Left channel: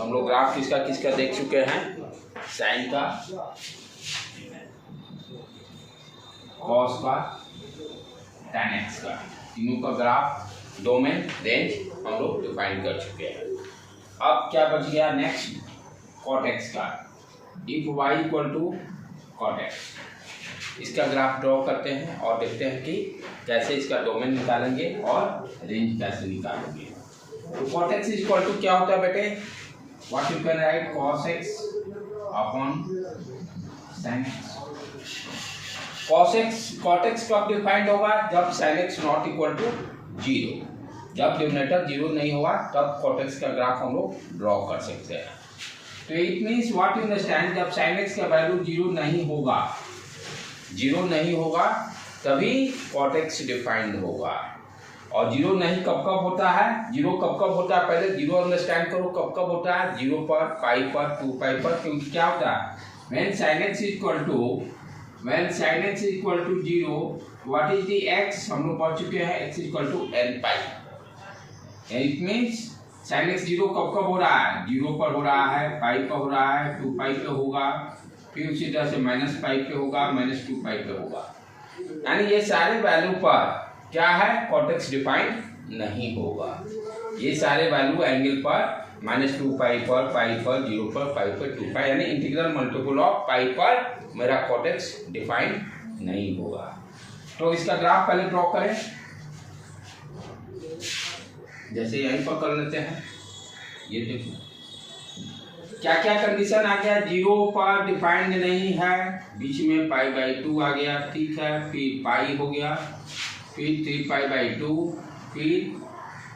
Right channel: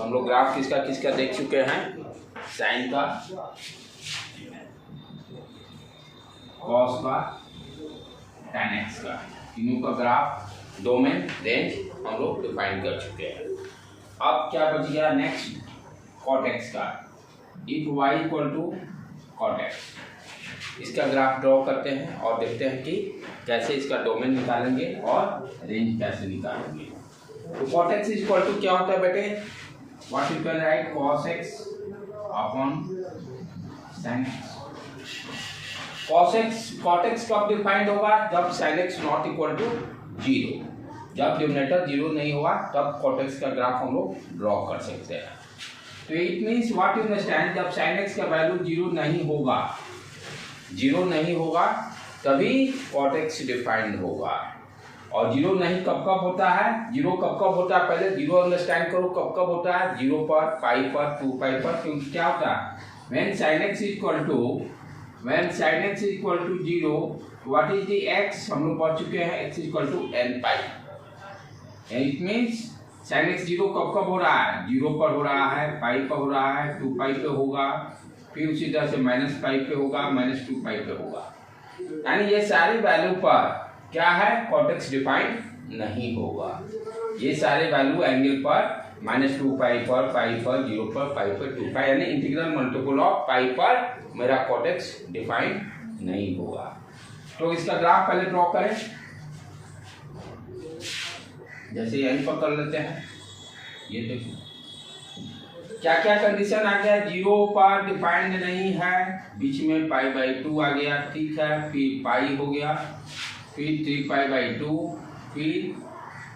हम लोग ग्राफ किसका किसका देख चुके हैं, साइन का, कॉस का, tan x का, तीनों का ग्राफ, डोमेन, रेंज हम लोग डिफाइन कर चुके हैं। अब क्या बच गया नेक्स्ट, cot x का, if y equal to cot x, इसका ग्राफ ड्रॉ करते हैं और देखते हैं कि कैसे इसका डोमेन निकालेंगे और रेंज कैसे निकालेंगे। तो cot x इक्वल टू क्या होता है बेटे, what you can write cos x upon sin x। cot x कब डिफाइंड होगा, जब sin x not equal to 0, जब डिनोमिनेटर 0 नहीं होगा तब cot x का ग्राफ हम लोग ड्रॉ कर सकते हैं। तो it means what you understand, जब sin x का वैल्यू 0 नहीं होगा तभी cot x डिफाइंड होगा। और 0 नहीं कब कब होता है, 0 कब कब होता है, पहले 0 अंडरस्टैंड करो, कब कब होता है, 0 पर, पाई पर, 2 पाई पर, क्योंकि क्या होता है, when sin x equal to 0, what is the x, हम लोग पढ़ चुके हैं x equal to n pi. It means sin x 0 कब कब हो रहा है, 0 पर हो रहा है, पाई पर हो रहा है, 2 पाई पे होगा, फिर उसी तरह से माइनस पाई पे होगा, -2 पाई पे होगा। यानी ये सारे वैल्यू पर क्या है, cot x डिफाइंड नहीं होगा। ये सारे वैल्यू एंगल पर -2 पाई पर, पाई पर, 0 पर, पाई पर, 2 पाई, यानी इंटीग्रल मल्टीपल ऑफ पाई पर मेरा cot x डिफाइंड नहीं होगा। तो इसका ग्राफ पहले ड्रॉ करें, जैसे यहीं पर कर लेते हैं। ये देखो क्या क्या कंडीशन आ गया, 0 पर डिफाइंड नहीं है, बीच में π/2 आ गया, ठीक है, फिर पाई हो गया, फिर 3π/2, फिर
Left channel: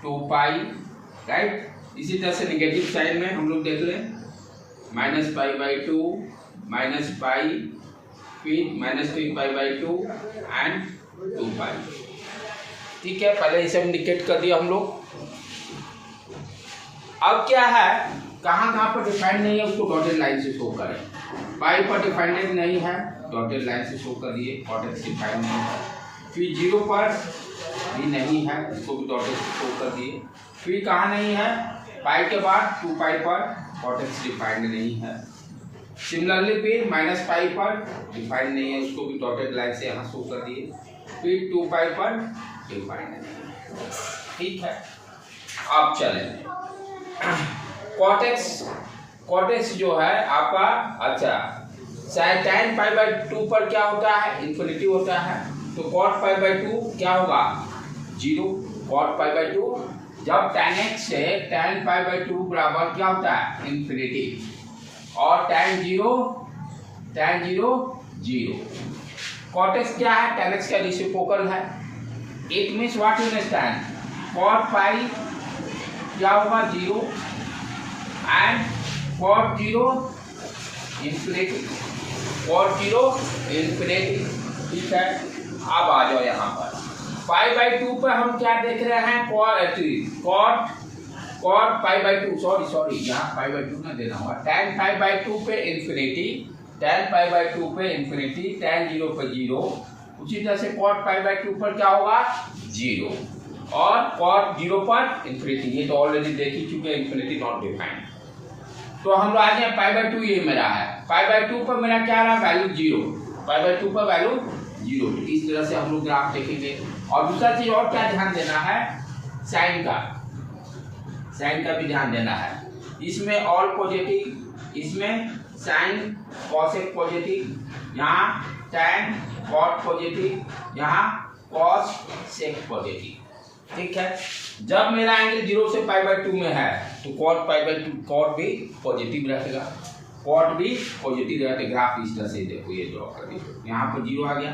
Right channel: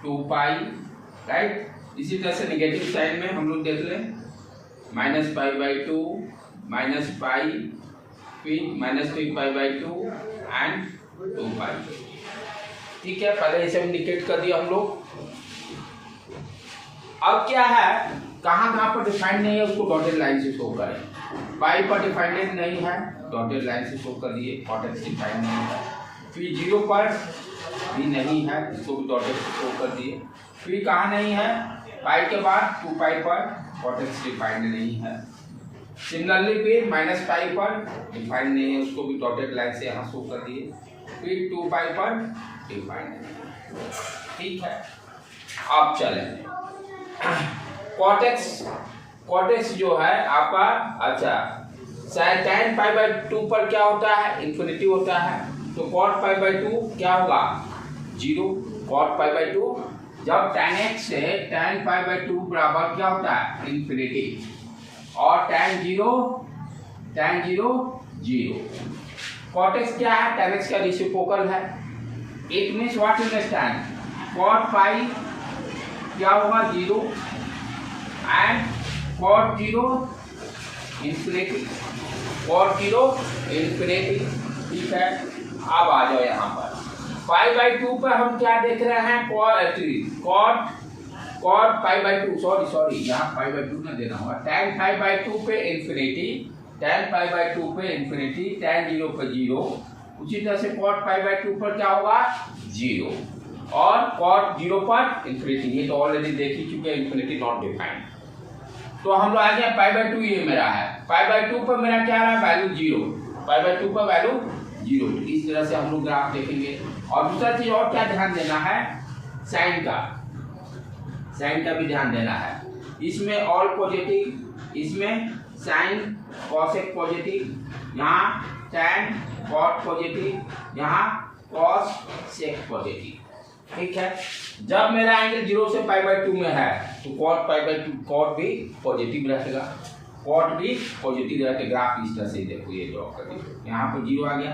2 पाई, राइट। इसी तरह से नेगेटिव साइड में हम लोग देख लें, -π/2, -पाई, फिर -3π/2 एंड 2 पाई, ठीक है। पहले इसे इंडिकेट कर दिया हम लोग। अब क्या है, कहाँ पर डिफाइंड नहीं है उसको डॉटेड लाइन से शो करें। पाई पर डिफाइंड नहीं है, डॉटेड लाइन से शो कर दिए, cot x डिफाइंड नहीं है। फिर 0 पर भी नहीं है, इसको भी डॉटेड से शो कर दिए। फिर कहाँ नहीं है, पाई के बाद 2 पाई पर cot x डिफाइंड नहीं है। सिमिलरली फिर -पाई पर डिफाइंड नहीं है, उसको भी डॉटेड लाइन से यहाँ शो कर दिए। फिर 2 पाई पर डिफाइंड नहीं है, ठीक है। अब चलें, cot x जो है आपका, अच्छा, tan π/2 पर क्या होता है, इन्फिनिटी होता है, तो cot π/2 क्या होगा, 0। cot π/2 जब tan x से tan π/2 बराबर क्या होता है, इन्फिनिटी, और tan 0 0। cot x क्या है, tan x का रेसिप्रोकल है। It means what you understand, cot पाई क्या होगा, 0 एंड cot 0 इन्फिनिटी, ठीक है। अब आ जाओ यहाँ पर, π/2 पर हम क्या देख रहे हैं, cot π/2, सॉरी यहाँ π/2 ना देना होगा, tan π/2 पे इन्फिनिटी, tan π/2 पे इन्फिनिटी, tan 0 पे 0, उसी तरह से cot π/2 पर क्या होगा, 0, और cot 0 पर इन्फिनिटी। ये तो ऑलरेडी देख ही चुके, इन्फिनिटी नॉट डिफाइंड। तो हम लोग आ जाए π/2, ये मेरा है, π/2 पर मेरा क्या रहा, वैल्यू 0, π/2 पर वैल्यू 0। इस तरह से हम लोग ग्राफ देखेंगे। और दूसरा चीज और क्या ध्यान देना है, साइन का भी ध्यान देना है। इसमें ऑल पॉजिटिव, इसमें साइन cos x पॉजिटिव, यहाँ tan cot पॉजिटिव, यहाँ cos sec पॉजिटिव, ठीक है। जब मेरा एंगल 0 से π/2 में है तो cot π/2, cot भी पॉजिटिव रहेगा, ग्राफ इस तरह से देखो, ये ड्रॉ कर दीजिए, यहाँ पर 0 आ गया,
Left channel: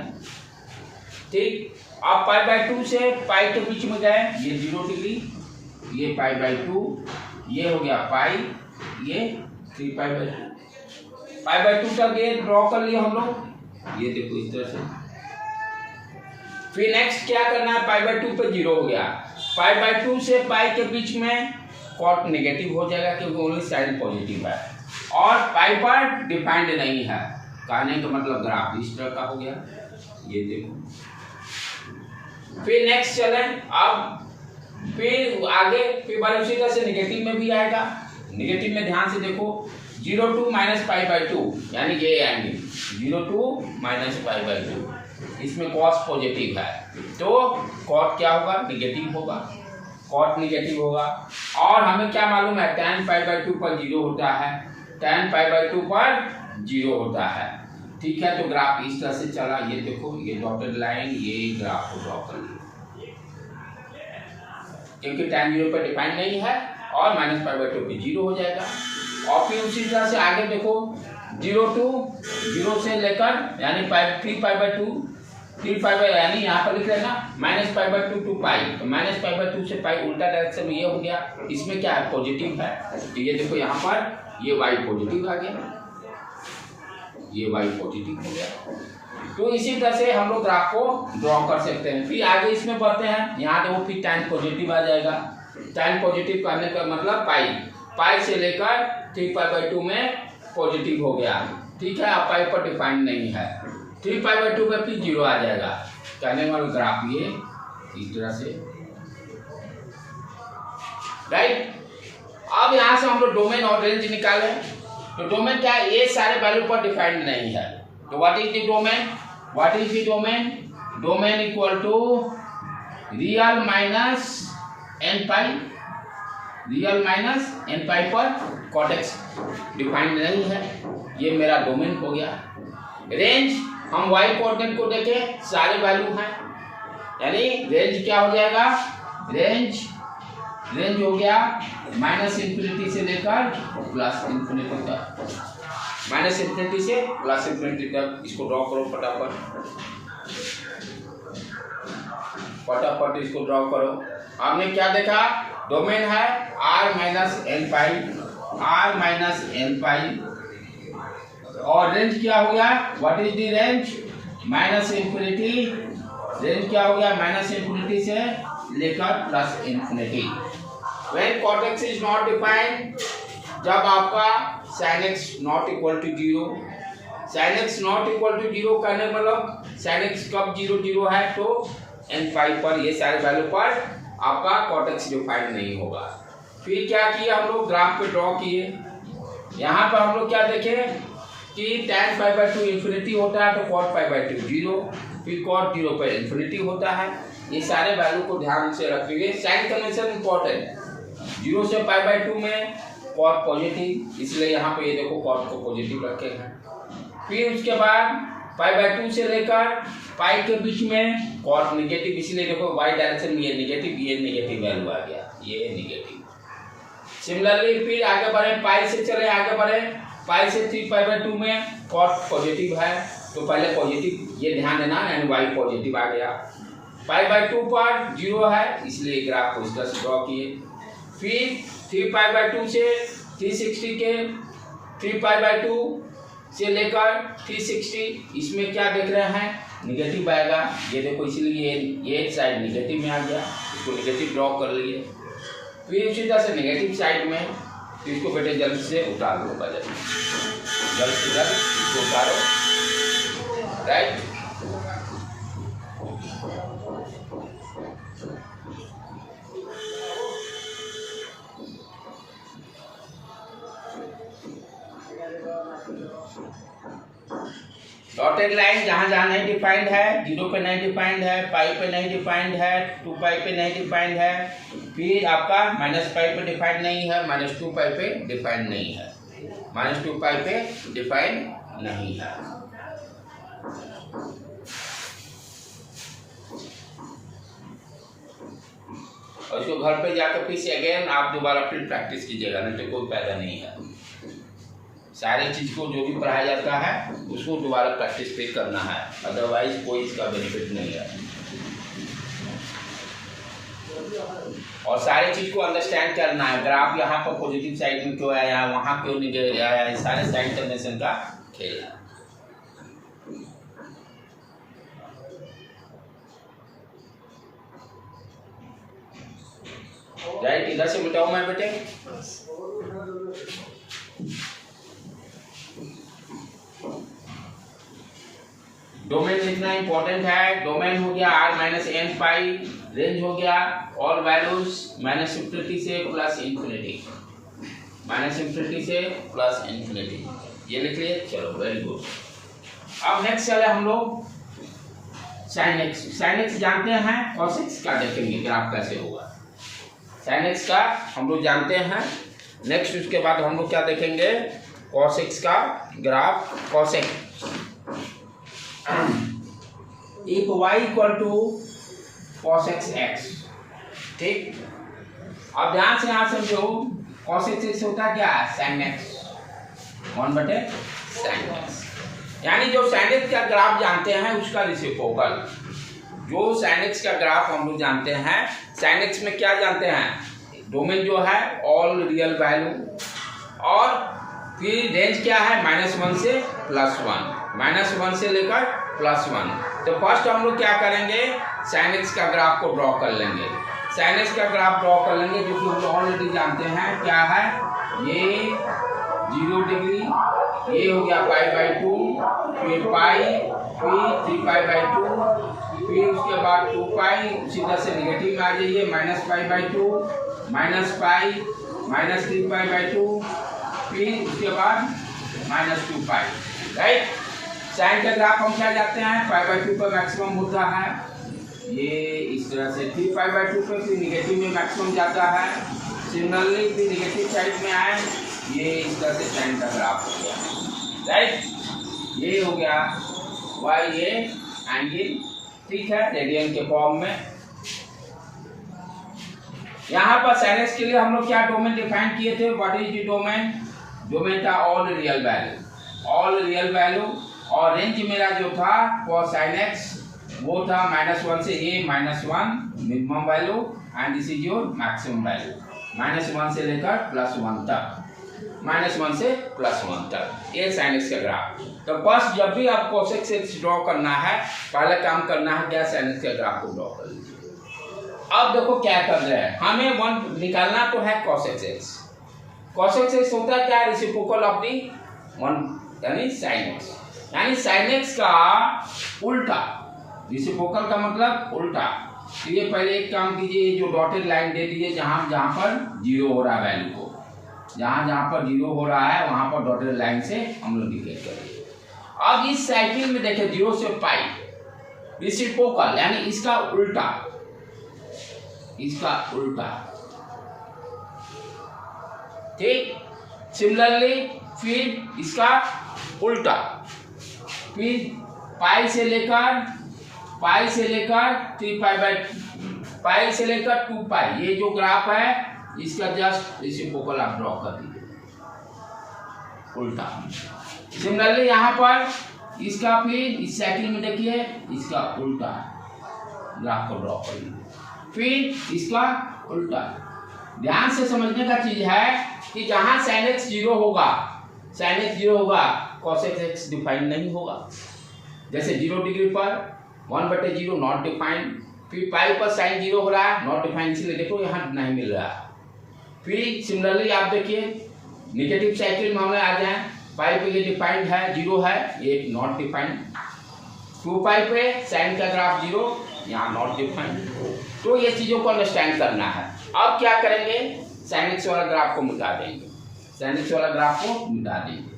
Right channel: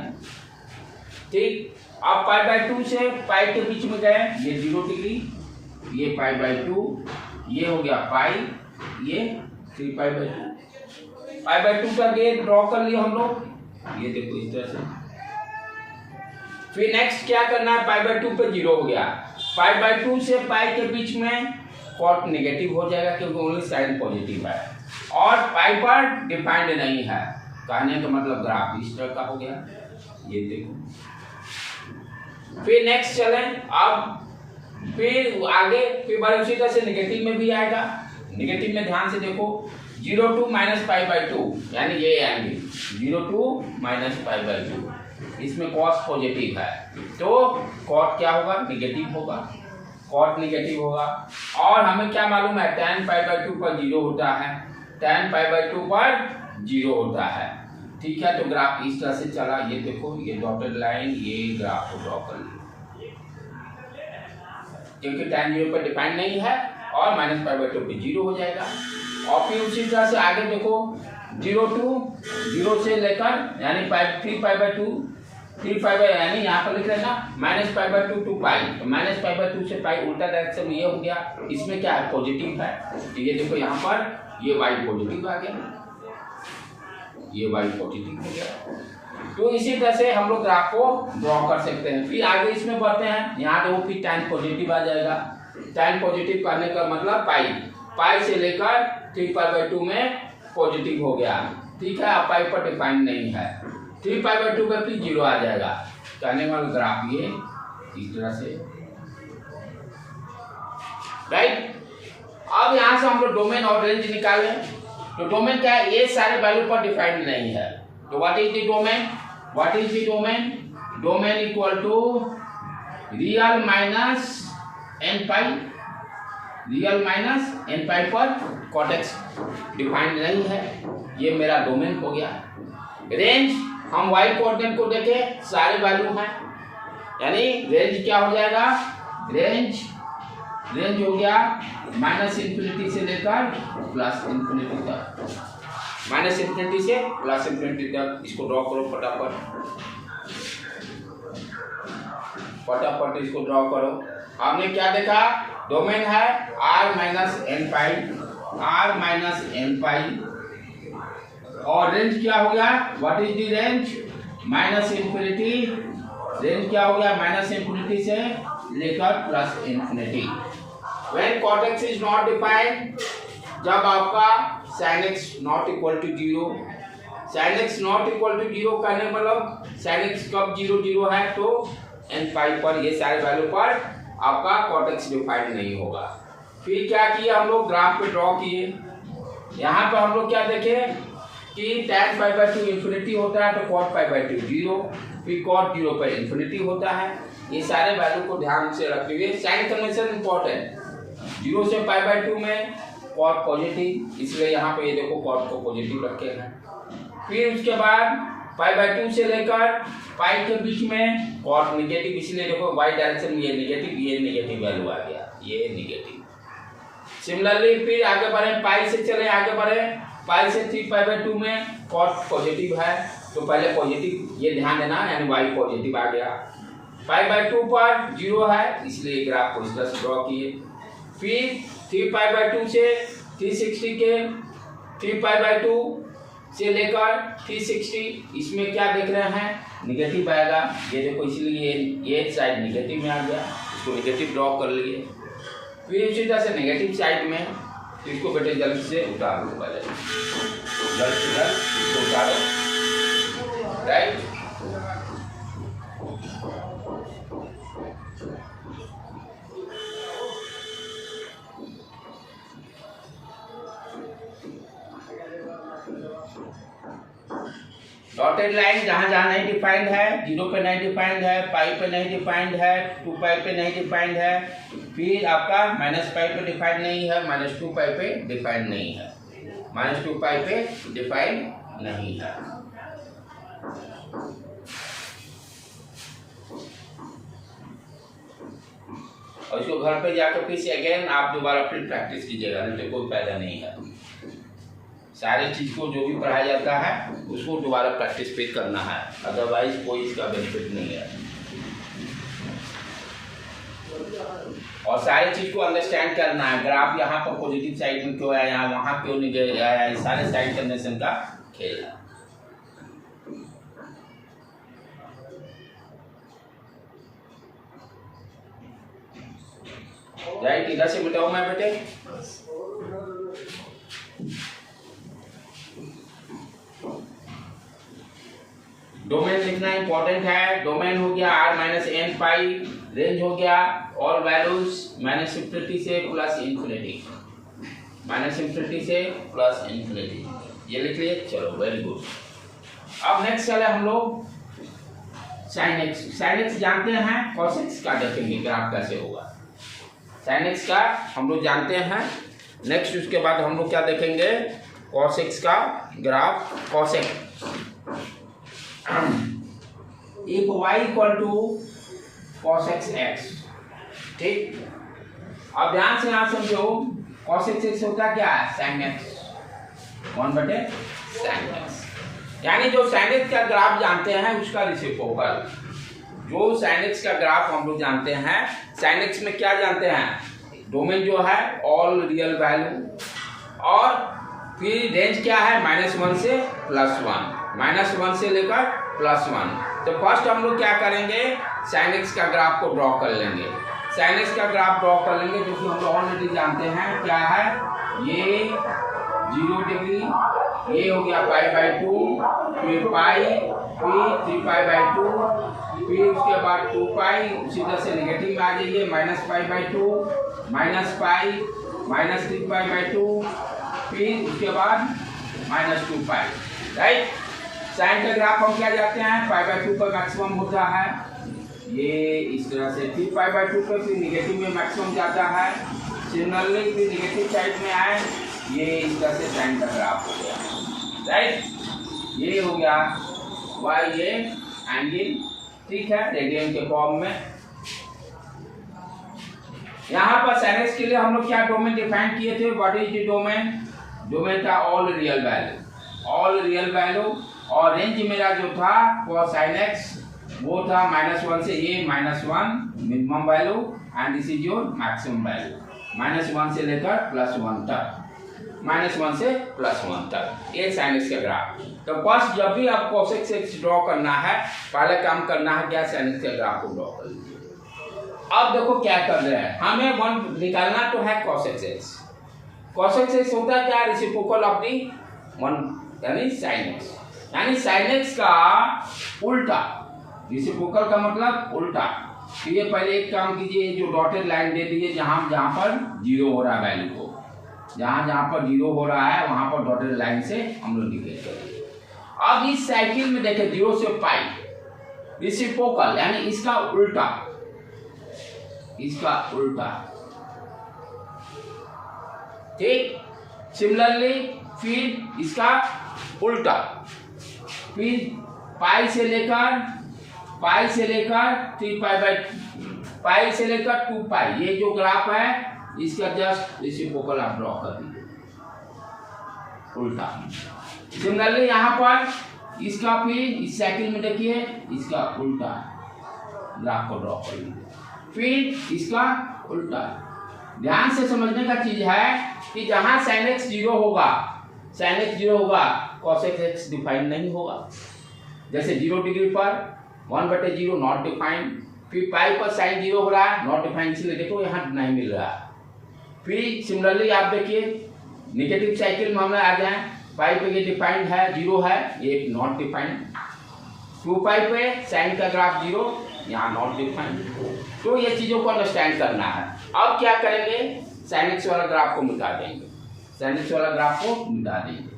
ठीक। अब π/2 से पाई के बीच में गए, ये 0 डिग्री, ये π/2, ये हो गया पाई, ये 3π/2, π/2 का ये ड्रॉ कर लिया हम लोग, ये देखो इस तरह से। फिर नेक्स्ट क्या करना है, π/2 पे 0 हो गया, π/2 से पाई के बीच में cot नेगेटिव हो जाएगा क्योंकि ओनली साइन पॉजिटिव है, और पाई पर डिफाइंड नहीं है, कहने का मतलब ग्राफ इस तरह का हो गया, ये देखो। फिर नेक्स्ट चले, अब फिर आगे फिर बार उसी तरह से नेगेटिव में भी आएगा, नेगेटिव में ध्यान से देखो 0 to minus pi by to, यानी ये angle 0 to minus pi by to, इसमें कॉस पॉजिटिव है तो कॉट क्या होगा, निगेटिव होगा, कॉट निगेटिव होगा। और हमें क्या मालूम है, tan पाई बाई टू पर 0 होता है, tan पाई बाई टू पर 0 होता है। ठीक है, तो ग्राफ इस तरह से चला, ये देखो ये डॉटेड लाइन, ये ग्राफ को ड्रॉ कर लो, क्योंकि tan 0 पर डिपेंड नहीं है और माइनस पाई बाई टू पे 0 हो जाएगा। और फिर उसी तरह से आगे देखो 0 to 0 से लेकर यानी 3 pi by two, 3 pi by, यानी यहाँ पर लिख लेना minus pi by two to pi, तो माइनस पाई बाई टू से पाई उल्टा डायरेक्शन में ये हो गया, इसमें क्या है, पॉजिटिव है, तो ये देखो यहाँ पर ये y पॉजिटिव आ गया, ये y पॉजिटिव हो गया। तो इसी तरह से हम लोग ग्राफ को ड्रॉ कर सकते हैं। फिर आगे इसमें बढ़ते हैं, यहाँ देखो फिर tan पॉजिटिव आ जाएगा, tan पॉजिटिव करने का मतलब पाई से लेकर 3 पाई बाई टू में पॉजिटिव हो गया। ठीक है, अब पाई पर डिफाइन नहीं है, 3 पाई बाई टू में फिर 0 आ जाएगा। कहने वाला ग्राफ ये इस तरह से, राइट। अब यहाँ से हम लोग डोमेन और रेंज निकालें, तो डोमेन क्या है, ये सारे वैल्यू पर डिफाइंड नहीं है, तो what is the domain, what is the domain, domain equal to real minus N pi, real minus N pi पर कॉट एक्स डिफाइंड नहीं है, ये मेरा डोमेन हो गया। रेंज हम y कोऑर्डिनेट को देखे सारे वैल्यू हैं, यानी रेंज क्या हो जाएगा, रेंज हो गया माइनस इन्फिनिटी से लेकर प्लस इन्फिनिटी तक, माइनस इन्फिनिटी से प्लस इन्फिनिटी तक। इसको ड्रॉ करो फटाफट इसको ड्रॉ करो। हमने क्या देखा, डोमेन है r माइनस एन पाई, और रेंज क्या हो गया, what is the range, minus infinity, range क्या हो गया, माइनस इन्फिनिटी से लेकर plus infinity. When cot x is not defined, जब आपका sin x not equal to 0, sin x not equal to 0 करने मतलब sin x कब 0 है, तो n पाई पर ये सारे वैल्यू पर आपका cot x डिफाइंड नहीं होगा। फिर क्या किया हम लोग, ग्राफ पे ड्रॉ किए, यहाँ पर हम लोग क्या देखे कि tan pi by to infinity होता है तो cot पाई बाई टू 0, फिर cot 0 पर इन्फिनिटी होता है। ये सारे वैल्यू को ध्यान से रखिए, साइन कन्वेंशन इंपॉर्टेंट, 0 से पाई बाई टू में cot पॉजिटिव, इसलिए यहाँ पे ये देखो cot को पॉजिटिव रखे हैं। फिर उसके बाद पाई बाई टू से लेकर पाई के बीच में cot निगेटिव, इसलिए देखो y डायरेक्शन में ये नेगेटिव वैल्यू आ गया, ये नेगेटिव। सिमिलरली फिर आगे बढ़े, पाई से चले आगे बढ़े, पाई से 3 पाई बाई टू में cot पॉजिटिव है, तो पहले पॉजिटिव ये ध्यान देना, यानी y पॉजिटिव आ गया। पाई बाई टू पर 0 है, इसलिए ग्राफ को इस तरह से ड्रॉ किए। फिर 3 पाई बाई टू से 360 के 3 पाई बाई टू से लेकर 360, इसमें क्या देख रहे हैं, निगेटिव आएगा, ये देखो, इसलिए ये साइड निगेटिव में आ गया, इसको निगेटिव ड्रॉ कर लिए। फिर उसी तरह से नेगेटिव साइड में, तो इसको बेटे जल्द से उतार दूंगा, जल्द से जल्द इसको उतारो, राइट। डॉटेड लाइन जहाँ जहाँ नहीं डिफाइंड है, 0 पे नहीं डिफाइंड है, पाई पे नहीं डिफाइंड है, 2 पाई पे नहीं डिफाइंड है, फिर आपका माइनस पाई पे डिफाइंड नहीं है, माइनस 2 पाई पे डिफाइंड नहीं है, माइनस 2 पाई पे डिफाइंड नहीं है। और इसको घर पे जाकर फिर से अगेन आप दोबारा फिर प्रैक्टिस कीजिएगा, नहीं तो कोई फायदा नहीं है। सारी चीज़ को जो भी पढ़ाया जाता है उसको दोबारा प्रैक्टिस फिर करना है, अदरवाइज कोई इसका बेनिफिट नहीं है। और सारी चीज़ को अंडरस्टैंड करना है, ग्राफ यहाँ पर पॉजिटिव साइड में क्यों आया, वहाँ क्यों नहीं आया, सारे साइड कन्वेंशन का खेल है। राइट, इधर से मिटाओ मैं बेटे। डोमेन लिखना इंपॉर्टेंट है। डोमेन हो गया r माइनस एन पाई, रेंज हो गया ऑल वैल्यूज माइनस इन्फिनिटी से प्लस इन्फिनिटी, माइनस इन्फिनिटी से प्लस इन्फिनिटी, ये लिख लिए। चलो वेरी गुड। अब नेक्स्ट चले हम लोग साइन एक्स। साइन एक्स जानते हैं, कॉस एक्स का देखेंगे ग्राफ कैसे होगा। साइन एक्स का हम लोग जानते हैं। नेक्स्ट उसके बाद हम लोग क्या देखेंगे, कॉस एक्स का graph. Cos X if Y equal to cos X X, ठीक। अब ध्यान से यहाँ समझो, कॉस एक्स एक्स होता है क्या है, साइन एक्स 1/sin एक्स। यानी जो साइन एक्स का ग्राफ जानते हैं उसका रेसिप्रोकल। जो साइन एक्स का ग्राफ हम लोग जानते हैं, साइन एक्स में क्या जानते हैं, डोमेन जो है ऑल रियल वैल्यू, और फिर रेंज क्या है -1 से +1, -1 से लेकर +1। तो फर्स्ट हम लोग क्या करेंगे, साइन एक्स का ग्राफ को ड्रॉ कर लेंगे। साइन एक्स का ग्राफ ड्रॉ कर लेंगे जो कि हम लोग ऑलरेडी जानते हैं क्या है, ये 0 डिग्री, ये हो गया π/2, फिर पाई, फिर 3π/2, फिर उसके बाद 2π, उसी तरह से नेगेटिव में आ जाइए, -π/2, -π, -3π/2, फिर उसके बाद -2π, राइट। साइन का ग्राफ हम क्या जाते हैं, π/2 पर मैक्सिमम होता है, ये इस तरह से, फिर π/2 पर फिर नेगेटिव में मैक्सिमम जाता है, सिमिलरली फिर नेगेटिव साइड में आए, ये इस तरह से साइन का ग्राफ हो गया, राइट। ये हो गया वाई ये एंगल, ठीक है, रेडियन के फॉर्म में। यहाँ पर साइन एक्स के लिए हम लोग क्या डोमेन डिफाइन किए थे, what is the domain, domain था all real value, all real value, और रेंज मेरा जो था फॉर साइन एक्स वो था -1 से ये -1 minimum value, and this is your maximum value, -1 से लेकर +1 तक, -1 से +1 तक, ये साइन एक्स का ग्राफ। तो फर्स्ट जब भी आपको cos x ड्रॉ करना है, पहले काम करना है क्या, साइन एक्स के ग्राफ को ड्रॉ कर लीजिए। अब देखो क्या कर रहे हैं, हमें 1 निकालना तो है cos x। cos x होता है क्या, रेसिप्रोकल ऑफ दी 1 यानी sin x, यानी sin x का उल्टा, रेसिप्रोकल का मतलब उल्टा। तो ये पहले एक काम कीजिए, जो डॉटेड लाइन दे दीजिए जहाँ जहाँ पर 0 हो रहा है वैल्यू को, जहाँ जहाँ पर 0 हो रहा है वहाँ पर डॉटेड लाइन से हम लोग निकल करेंगे। अब इस साइकिल में देखें 0 से पाई, रेसिप्रोकल यानी इसका उल्टा, इसका उल्टा, ठीक। सिमिलरली फिर इसका उल्टा, फिर पाई से लेकर 3π/पाई से लेकर 2π, ये जो ग्राफ है इसका जस्ट रेसिप्रोकल आप ड्रॉ कर दीजिए, उल्टा। सिमिलरली यहाँ पर इसका फिर इस साइकिल में देखिए इसका उल्टा ग्राफ को ड्रॉ कर लीजिए, फिर इसका उल्टा। ध्यान से समझने का चीज है कि जहाँ sin x 0 होगा, sin x 0 होगा, cos x डिफाइन नहीं होगा। जैसे 0 डिग्री पर 1/0 नॉट डिफाइन, फिर पाई पर sin 0 हो रहा है, नॉट डिफाइन, इसलिए देखो यहाँ नहीं मिल रहा है। फिर सिमिलरली आप देखिए नेगेटिव साइकिल में हमें आ जाए, पाई पे ये डिफाइंड है 0 है, ये नॉट डिफाइंड, 2π पे साइन का ग्राफ 0, यहाँ नॉट डिफाइंड। तो ये चीज़ों को अंडरस्टैंड करना है। अब क्या करेंगे, साइन एक्स वाला ग्राफ को मिटा देंगे, साइन एक्स वाला ग्राफ को मिटा देंगे।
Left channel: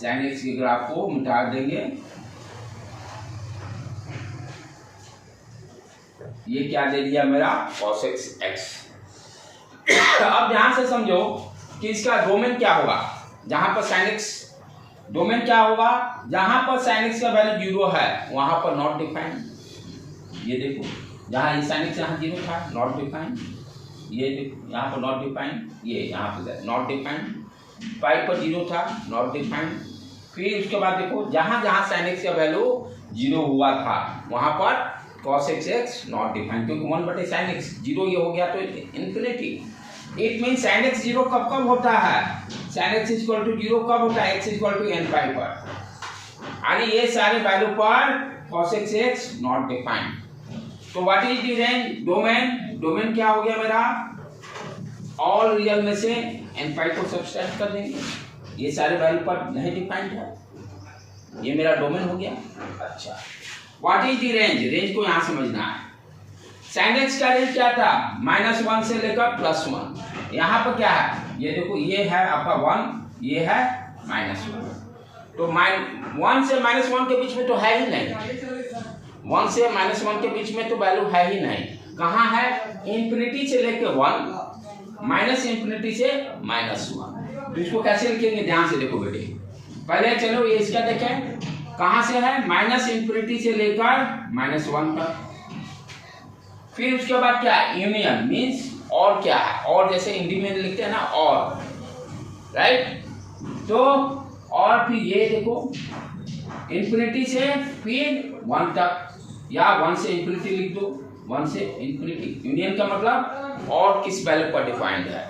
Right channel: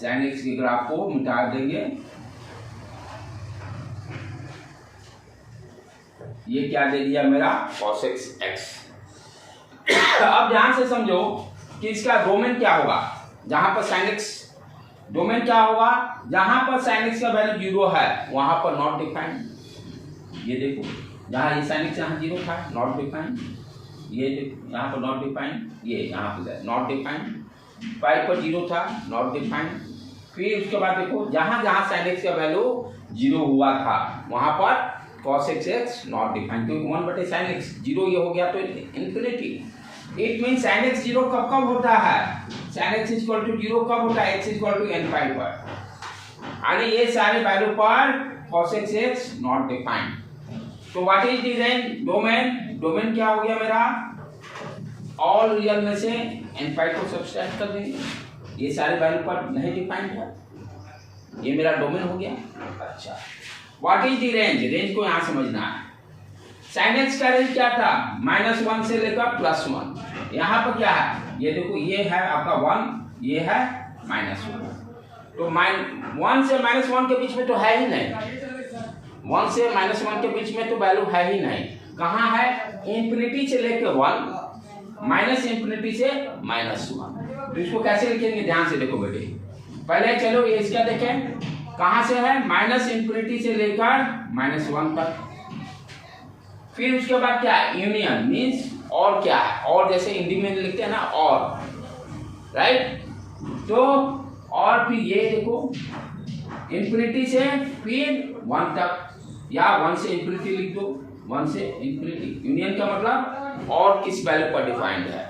साइन एक्स के ग्राफ को मिटा देंगे। ये क्या दे दिया मेरा, cos x। अब ध्यान से समझो कि इसका डोमेन क्या होगा, जहां पर sin x, डोमेन क्या होगा, जहां पर sin x का वैल्यू 0 है वहां पर नॉट डिफाइंड। ये देखो जहां ये sin x यहाँ 0 था, नॉट डिफाइंड, ये देखो यहाँ पर नॉट डिफाइंड, ये यहाँ पर नॉट डिफाइंड, पाई पर 0 था, नॉट डिफाइंड। फिर उसके बाद देखो जहां जहां sin x का वैल्यू 0 हुआ था वहां पर cos x नॉट डिफाइंड, क्योंकि 1/sin x 0 ये हो गया तो infinity. It mean sin x 0 कब कब होता है, sin x इक्वल टू 0 कब होता है, x इक्वल टू n पाई पर, यानी ये सारे वैल्यू पर cos x नॉट डिफाइंड। तो what is the range, domain, domain क्या हो गया मेरा, ऑल रियल में से n पाई को सब्सट्रैक्ट कर देंगे, ये सारे वैल्यू पर नहीं डिफाइंड है, ये मेरा डोमेन हो गया। अच्छा, what is the range, range को यहाँ समझना है। साइन एक्स का रेंज क्या था, -1 से लेकर +1। यहाँ पर क्या है, ये देखो, ये है आपका 1, ये है -1। तो 1 से -1 के बीच में तो है ही नहीं, 1 से -1 के बीच में तो वैल्यू है ही नहीं। कहाँ है, इंफिनिटी से लेकर 1, -इंफिनिटी से -1। तो इसको कैसे लिखेंगे, ध्यान से देखो बेटे। पहले चलो ये इसका देखें, कहाँ से है, -इंफिनिटी से लेकर -1 तक। फिर उसके बाद क्या है, यूनियन मीन्स और क्या है, और जैसे हिंदी में लिखते हैं ना, और, राइट। तो और फिर ये देखो, इंफिनिटी से फिर 1 तक, या 1 से इंफिनिटी लिख दो, 1 से इंफिनिटी। यूनियन का मतलब और किस वैल्यू पर डिफाइंड है।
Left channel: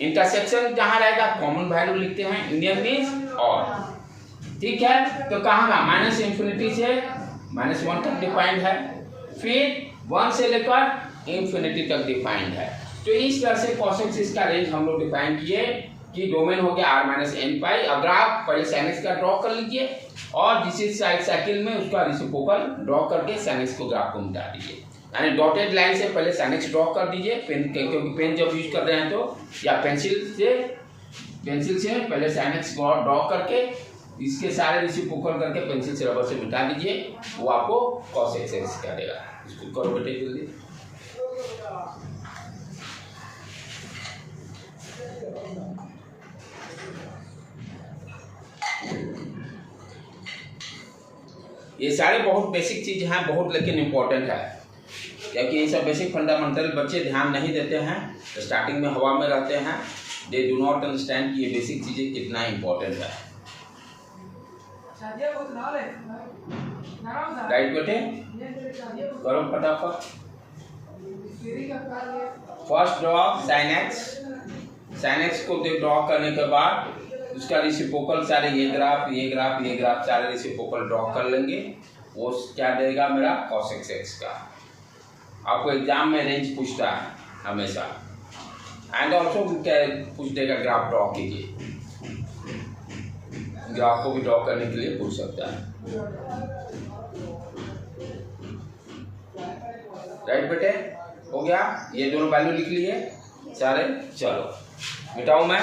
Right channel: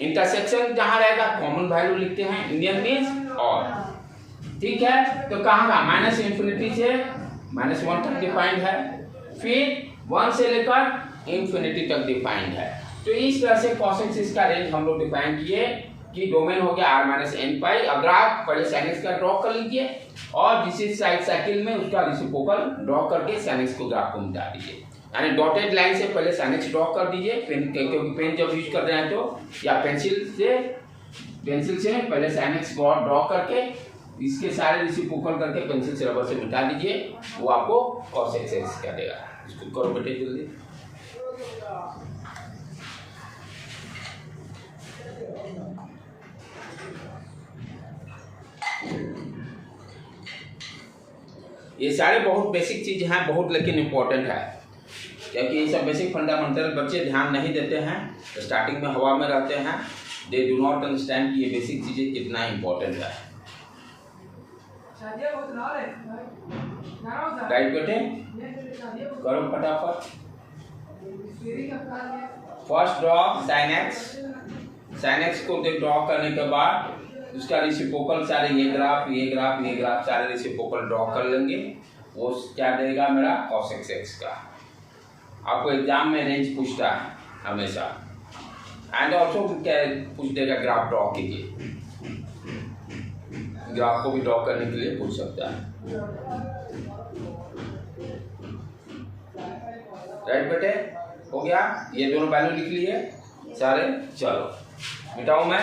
इंटरसेक्शन जहां रहेगा कॉमन वैल्यू लिखते हैं, यूनियन मीन्स और, ठीक है। तो कहाँ का, -इंफिनिटी से -1 तक डिफाइंड है, फिर 1 से लेकर इंफिनिटी तक डिफाइंड है। तो इस तरह से cosec x का रेंज हम लोग डिफाइन किए कि डोमेन हो गया r-n पाई। अगर आप पहले sin x का ड्रॉ कर लीजिए और जिस साइकिल में उसका रेसिप्रोकल ड्रॉ करके sin x को ग्राफ को मिटा दीजिए, यानी डॉटेड लाइन से पहले sin x ड्रॉ कर दीजिए, पेन, क्योंकि पेन जब यूज कर रहे हैं तो, या पेंसिल से पहले sin x को ड्रॉ करके इसके सारे रेसिप्रोकल करके पेंसिल से रबर से मिटा दीजिए, वो आपको cosec x का देगा। इसको करो बेटे जल्दी। ये सारे बहुत बेसिक चीज हैं, बहुत लेकिन इम्पोर्टेंट है, क्योंकि ये सब बेसिक फंडामेंटल बच्चे ध्यान नहीं देते हैं, तो स्टार्टिंग में हवा में रहते हैं, दे डू नॉट अंडरस्टैंड कि ये बेसिक चीजें कितना इम्पोर्टेंट है। राइट बेटे, करो फटाफट। फर्स्ट ड्रॉ साइन एक्स को ड्रॉ करने के बाद उसका रेसिप्रोकल सारे ये ग्राफ सारे रेसिप्रोकल ड्रॉ कर लेंगे, वो क्या देगा मेरा cosec x का। आपको एग्जाम में रेंज पूछता है हमेशा, एंड ऑल्सो पूछ देगा ग्राफ ड्रॉ कीजिए, ग्राफ को भी ड्रॉ करने के लिए पूछ सकता है। राइट बेटे, हो गया, ये दोनों वैल्यू लिख लिए सारे। चलो मिटाऊं मैं,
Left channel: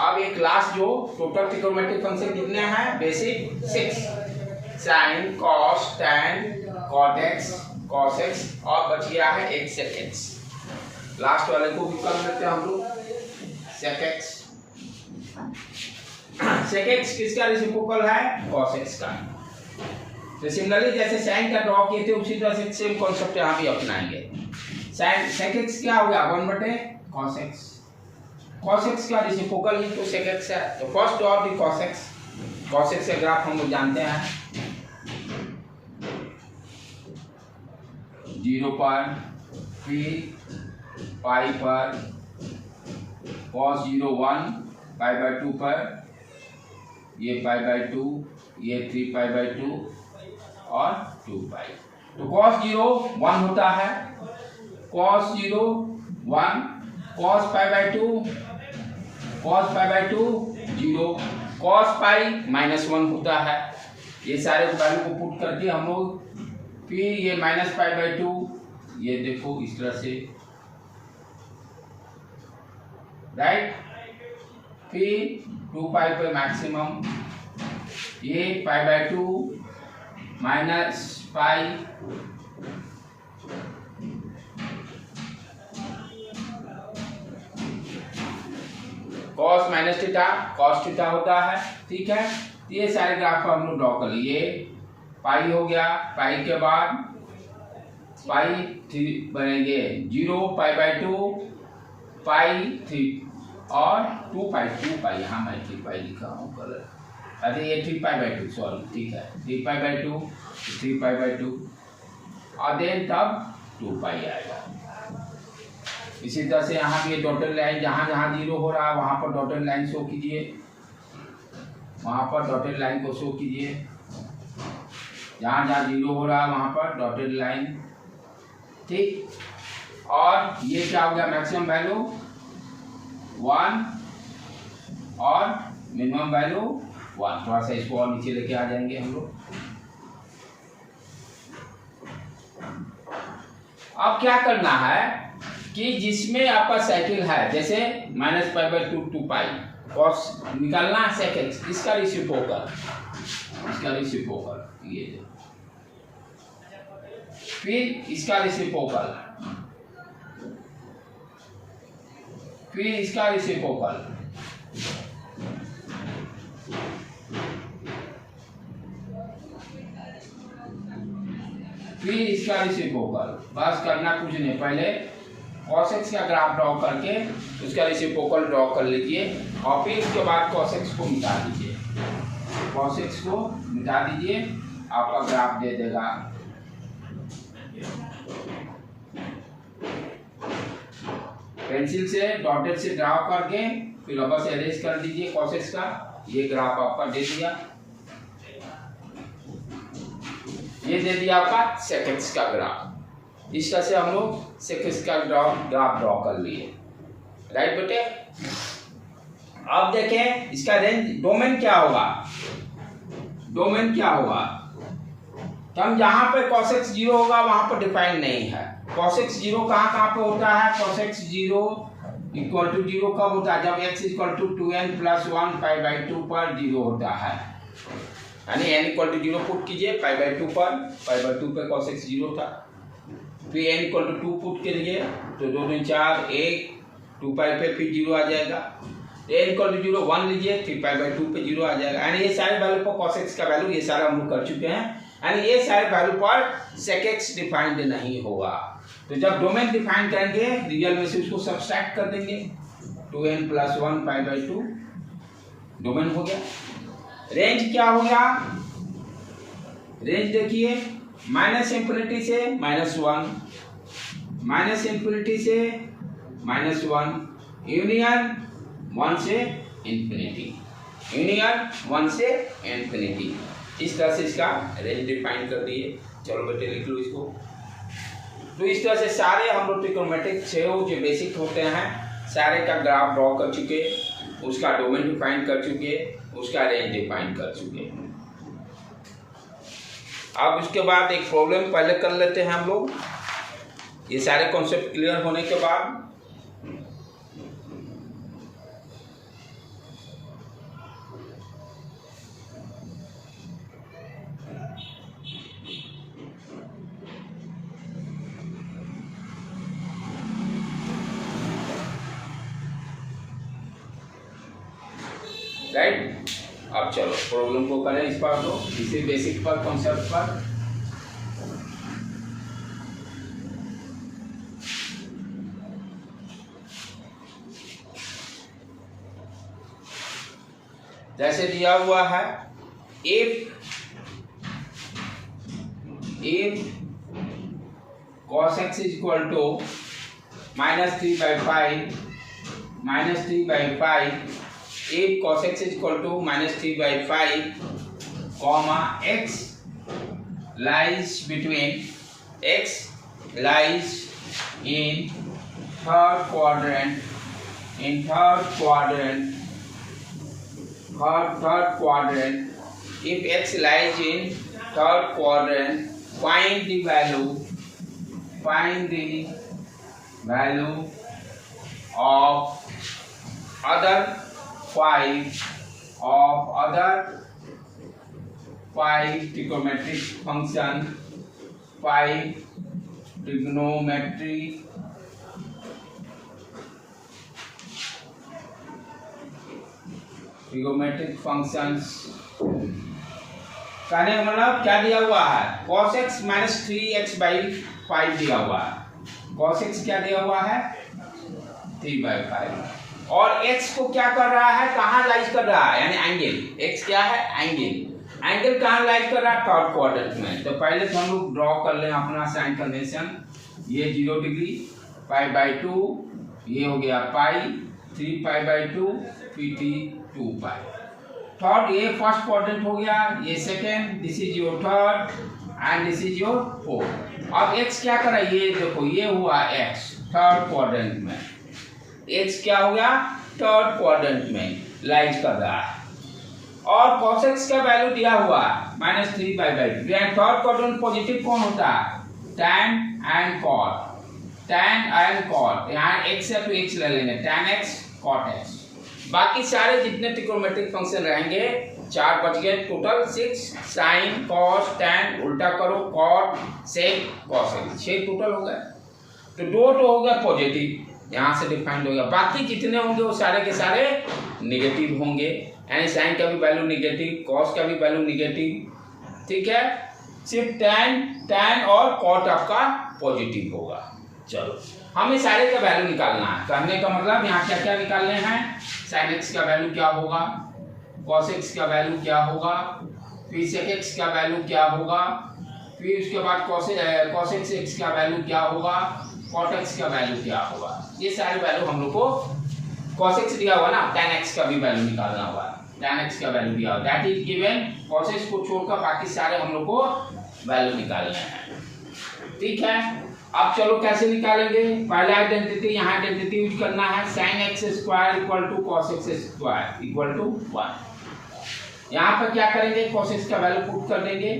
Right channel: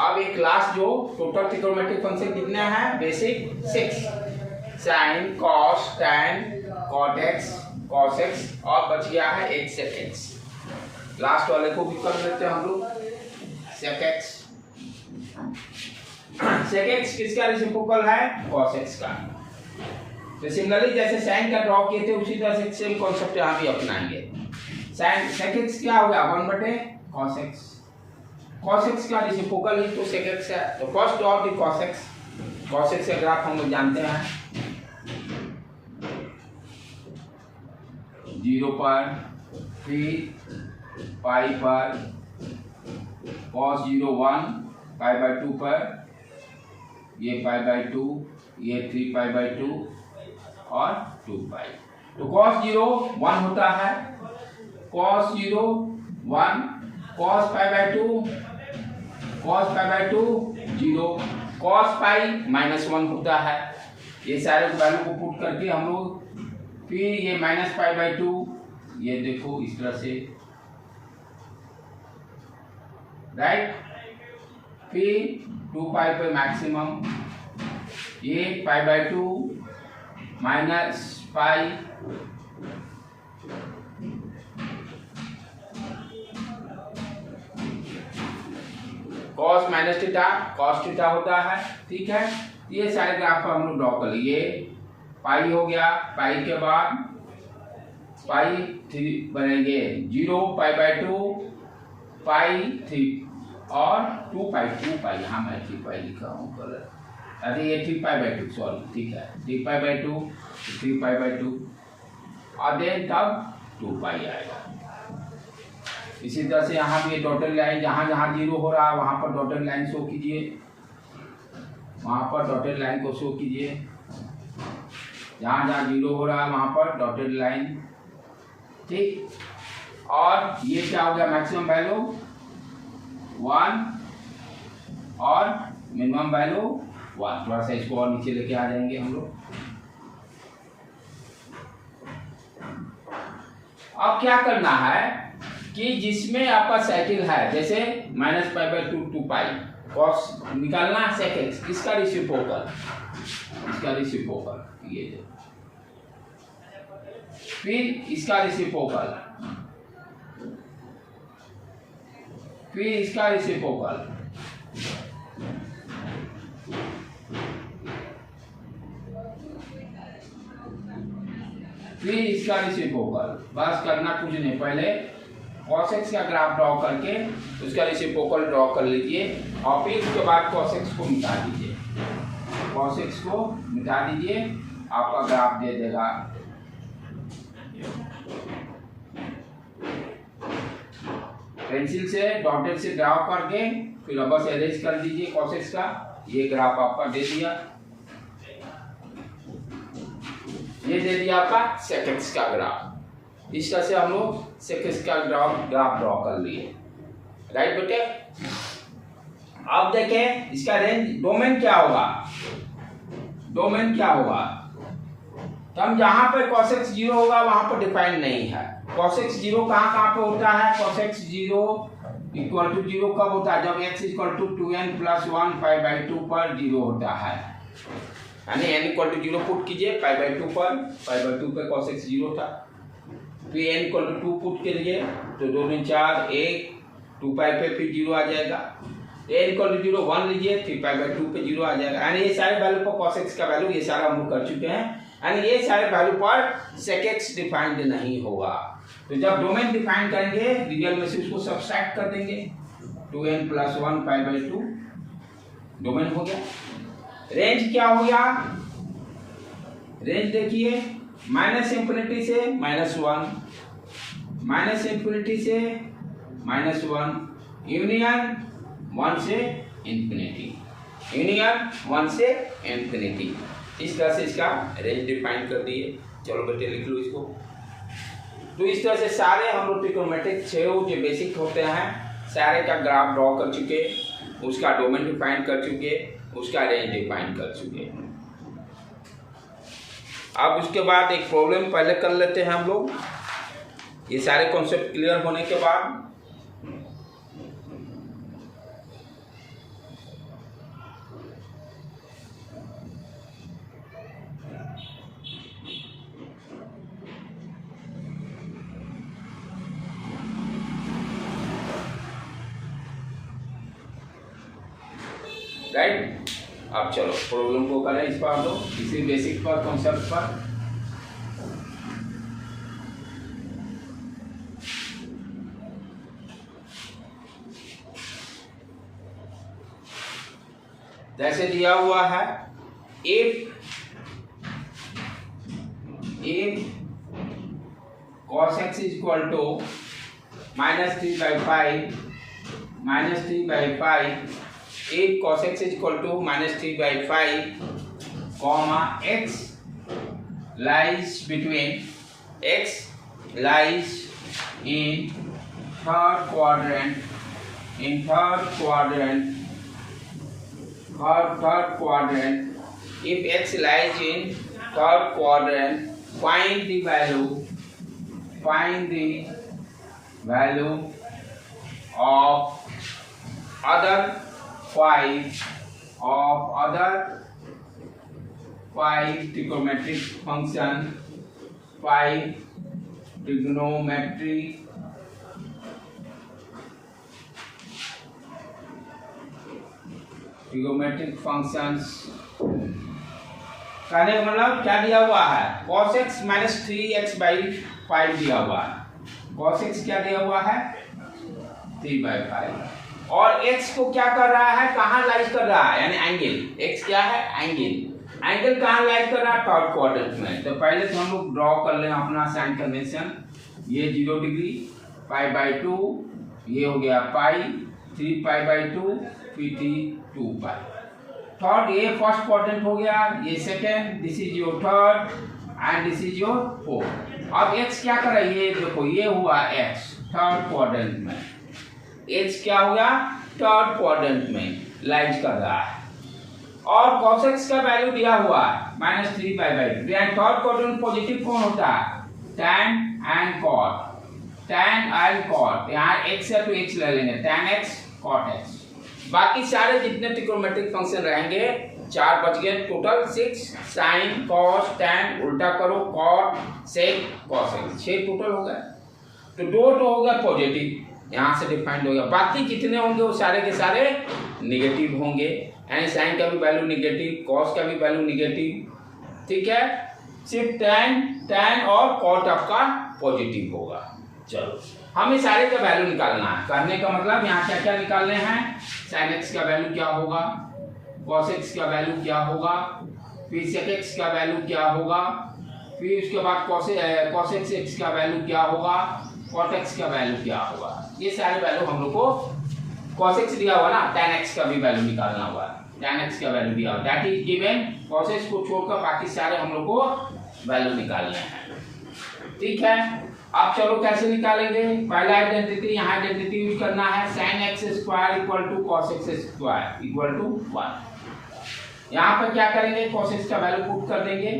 अब एक लास्ट जो टोटल ट्रिग्नोमेट्रिक फंक्शन कितने हैं, basic 6, sine, cos, tan, cot X, cos X, और बच गया है एक सेक एक्स। लास्ट वाले को भी कर लेते हैं हम लोग, सेक एक्स। सेक एक्स किसका रेसिप्रोकल है, कॉस एक्स का। तो सिमिलरली जैसे साइन का ड्रॉ किए थे उसी तरह से सेम कॉन्सेप्ट यहाँ भी अपनाएंगे। साइन सेक एक्स क्या हो गया, 1/cos x। cos x का रेसिप्रोकल ही तो sec x है, तो first draw the cos x। cos x का ग्राफ हम लोग जानते हैं 0 पर, फिर पाई पर, cos 0 1, π/2 पर, ये π/2, ये 3π/2 और 2π। तो cos 0 1 होता है, cos 0 1, cos π/2 0, cos π-1 होता है। ये सारे वैल्यू को पुट करके हम लोग, फिर ये -π/2, ये देखो इस तरह से, राइट। फिर 2π पे मैक्सिमम, ये π/2 -π, cos -θ, cos θ होता है, ठीक है। ये सारे ग्राफ पर हम लोग ड्रॉ कर लिए, पाई हो गया, पाई के बाद पाई 3 बनेंगे 0, π/2, पाई 3 और 2π, यहाँ मैं 3π लिखा हूँ कलर, अरे ये 3π/2, सॉरी, ठीक है, 3π/2, 3π/2 और देन तब 2π आएगा। इसी तरह से यहाँ भी डॉटेड लाइन, जहाँ जहाँ 0 हो रहा है वहाँ पर डॉटेड लाइन शो कीजिए, वहाँ पर डॉटेड लाइन को शो कीजिए, जहाँ जहाँ 0 हो रहा है वहाँ पर डॉटेड लाइन, ठीक। और ये क्या हो गया, मैक्सिमम वैल्यू 1 और मिनिमम वैल्यू 1। थोड़ा सा इसको और नीचे लेके आ जाएंगे हम लोग। अब क्या करना है कि जिसमें आपका साइकिल है, जैसे -π/2 टू पाई कॉस निकालना है sec x, इसका रेसिप्रोकल, ये देखो, फिर इसका रेसिप्रोकल, फिर इसका रेसिप्रोकल, फिर इसका रेसिप्रोकल। बस करना कुछ नहीं, पहले cos x का ग्राफ ड्रॉ करके उसका रेसिप्रोकल ड्रॉ कर लीजिए और फिर उसके बाद cos x को मिटा दीजिए। cos x को मिटा दीजिए, आपका ग्राफ दे देगा। पेंसिल से डॉटेड से ड्रॉ करके फिर बस अरेंज कर दीजिए cos x का। ये ग्राफ आपका दे दिया, ये दे दिया आपका sec x का ग्राफ। इस तरह से हम लोग sec x का ग्राफ ड्रॉ कर लिए, राइट बेटे। अब देखें इसका रेंज, डोमेन क्या होगा, डोमेन क्या होगा। तो हम जहां पे cos x 0 होगा वहां पर डिफाइन नहीं है। cos x 0 कहाँ पे होता है, cos x 0 इक्वल टू 0 कब होता है, जब x इक्वल टू 2n + 1 π/2 पर 0 होता है, यानी n इक्वल टू 0 पुट कीजिए π/2 पर, π/2 पे cos x 0 था। फिर n इक्वल टू 2 पुट करिए तो 2 2 4 1, 2 पाई पे फिर 0 आ जाएगा। n इक्वल टू 0 1 लीजिए, फिर π/2 पे 0 आ जाएगा। यानी ये सारे वैल्यू पर cos x का वैल्यू ये सारा हम लोग कर चुके हैं। यानी ये सारे वैल्यू पर sec x डिफाइंड नहीं होगा। तो जब डोमेन डिफाइन करेंगे रियल में से उसको सब्सट्रैक्ट कर देंगे, 2n + 1 π/2 डोमेन हो गया। रेंज क्या हो गया, रेंज देखिए -∞ से -1, -∞ से -1, यूनियन 1 से इंफिनिटी, यूनियन 1 से इंफिनिटी। इस तरह से इसका रेंज डिफाइन कर दिए। चलो बेटे लिख लो इसको। तो इस तरह से सारे हम लोग ट्रिग्नोमेट्रिक जो बेसिक होते हैं सारे का ग्राफ ड्रॉ कर चुके, उसका डोमेन डिफाइन कर चुके, उसका रेंज डिफाइन कर चुके। अब उसके बाद एक प्रॉब्लम पहले कर लेते हैं हम लोग, ये सारे कॉन्सेप्ट क्लियर होने के बाद। राइट, अब चलो प्रॉब्लम को करें इस पर, तो इसी बेसिक पर कॉन्सेप्ट पर। जैसे दिया हुआ है if cos x is equal to -3/5, if cos x is equal to -3/5, comma x lies between, x lies in third quadrant, if x lies in third quadrant, find the value of other five trigonometric function, 5 trigonometric functions। कहने का मतलब क्या दिया हुआ है, cos x -3x/5 दिया हुआ है। cos x क्या दिया हुआ है, 3/5, और x को क्या कर रहा है, कहाँ लाइज कर रहा है, यानी एंगल। x क्या है, एंगल कहाँ लाइज कर रहा है, थर्ड क्वाड्रेंट में। तो पहले तो हम लोग ड्रॉ कर लें अपना साइन कन्वेंशन। ये 0 डिग्री, π/2, ये हो गया पाई, 3π/2, फिर 2π। थर्ड, ये फर्स्ट क्वाड्रेंट हो गया, ये second, this is your third and this is your fourth. अब x क्या कर रहा है, ये देखो ये हुआ x थर्ड क्वाड्रेंट में, x क्या हो गया, थर्ड क्वाड्रेंट में लाइज कर रहा है। और cos x का वैल्यू दिया हुआ माइनस 3 यहाँ थर्ड क्वाड्रेंट पॉजिटिव कौन होता है? tan and cot, tan and cot, यहाँ x है तो x ले लेंगे, tan x cot x। बाकी सारे जितने ट्रिग्नोमेट्रिक फंक्शन रहेंगे 4 बच गए, टोटल 6 sin cos tan उल्टा करो cot sec cos x, 6 total हो गए। तो 2 तो हो गया पॉजिटिव, यहाँ से डिफाइंड हो गया। बाकी जितने होंगे वो सारे के सारे निगेटिव होंगे, यानी साइन का भी वैल्यू निगेटिव, कॉस का भी वैल्यू निगेटिव, ठीक है। सिर्फ tan और कॉट आपका पॉजिटिव होगा। चलो हमें सारे का वैल्यू निकालना है। कहने का मतलब यहाँ क्या क्या निकालने हैं? साइन एक्स का वैल्यू क्या होगा, कॉस एक्स का वैल्यू क्या होगा, फिर सेक एक्स का वैल्यू क्या होगा, फिर उसके बाद कॉस एक्स का वैल्यू क्या होगा, कॉट एक्स का वैल्यू क्या होगा। ये सारे वैल्यू हम लोग को cos x दिया हुआ ना, tan x का भी वैल्यू निकालना हुआ, tan x का वैल्यू दिया हुआ, that is given. cos x को छोड़कर बाकी सारे हम लोग को वैल्यू निकालने हैं, ठीक है। अब चलो कैसे निकालेंगे? पहला आइडेंटिटी, यहाँ आइडेंटिटी यूज करना है, sin x square equal to cos x square equal to 1। यहाँ पर क्या करेंगे? cos x का वैल्यू पुट कर देंगे,